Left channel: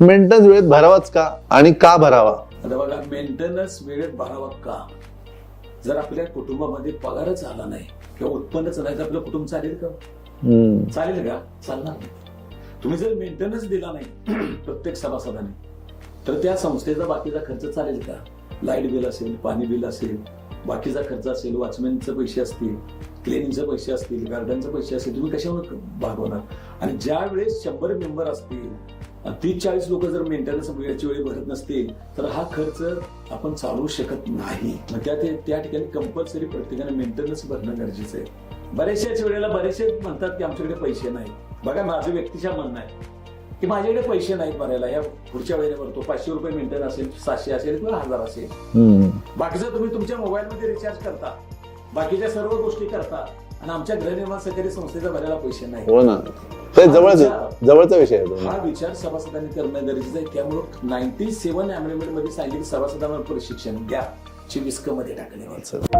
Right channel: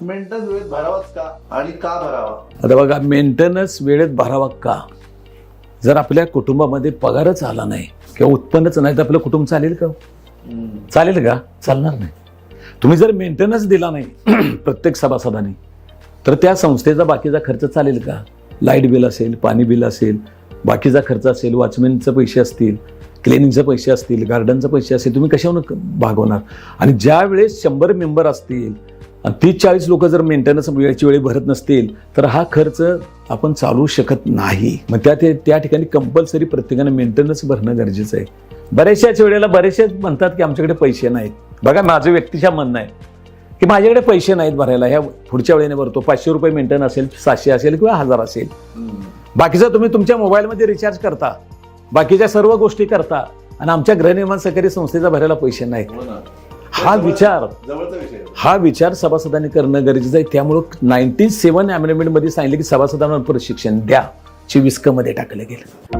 Maintenance वेळेत भरावाच का? आणि का भरावा? आता बघा मेंटेनन्स वेळेत भरावा का? जर आपल्या कुटुंबामध्ये पगारच आला नाही किंवा उत्पन्नच नाही तर आपलं कुटुंब चालेल का. चालेल का? चालणार नाही. तुम्ही जर मेंटेनन्स दिला नाही प्रत्येक सभासदाने तर त्या संस्थेचा बाकीचा खर्च चालेल का? लाइट बिल असेल पाणी बिल असेल बाकीचा खर्च असेल वॉचमॅनचे पैसे असतील क्लिनिंगचे पैसे असतील गार्डनचे पैसे असतील तुम्ही कशावर भागवणार? आणि ज्या वेळेस शंभर मेंबर असतील तीस चाळीस लोक जर मेंटेनन्स वेळेची वेळी भरत नसतील तर हा खर्च आपण चालवू शकत नाही. मग त्या ते- त्या ठिकाणी कंपल्सरी प्रत्येकाने मेंटेनन्स भरणं गरजेचं आहे. बऱ्याचशाच वेळेला बरेचसे म्हणतात की आमच्याकडे पैसे नाहीत. बघा माझं व्यक्तिशा म्हणणं आहे की माझ्याकडे पैसे नाहीत भरायला. ह्या पुढच्या वेळेने भरतो. पाचशे रुपये मेंटेन असेल सातशे असेल किंवा हजार असेल. बाकीचं तुम्ही तुमच्या मोबाईलमध्ये रिचार्ज करता. बाकीच्या सर्व गोष्टी करता. आणि आमच्या गृहनिर्माण सहकारी संस्थेचा भरायला पैसे नाहीत. हो विचार- जवळचा विषय. हा विचार सभासदांनी करणं गरजेचं आहे. त्यामुळं नाईन्टी सेव्हन अमेंडमेंटमध्ये सांगितलं की सभासदांना प्रशिक्षण द्या. ची विस्कमध्ये टाकलं गेलं.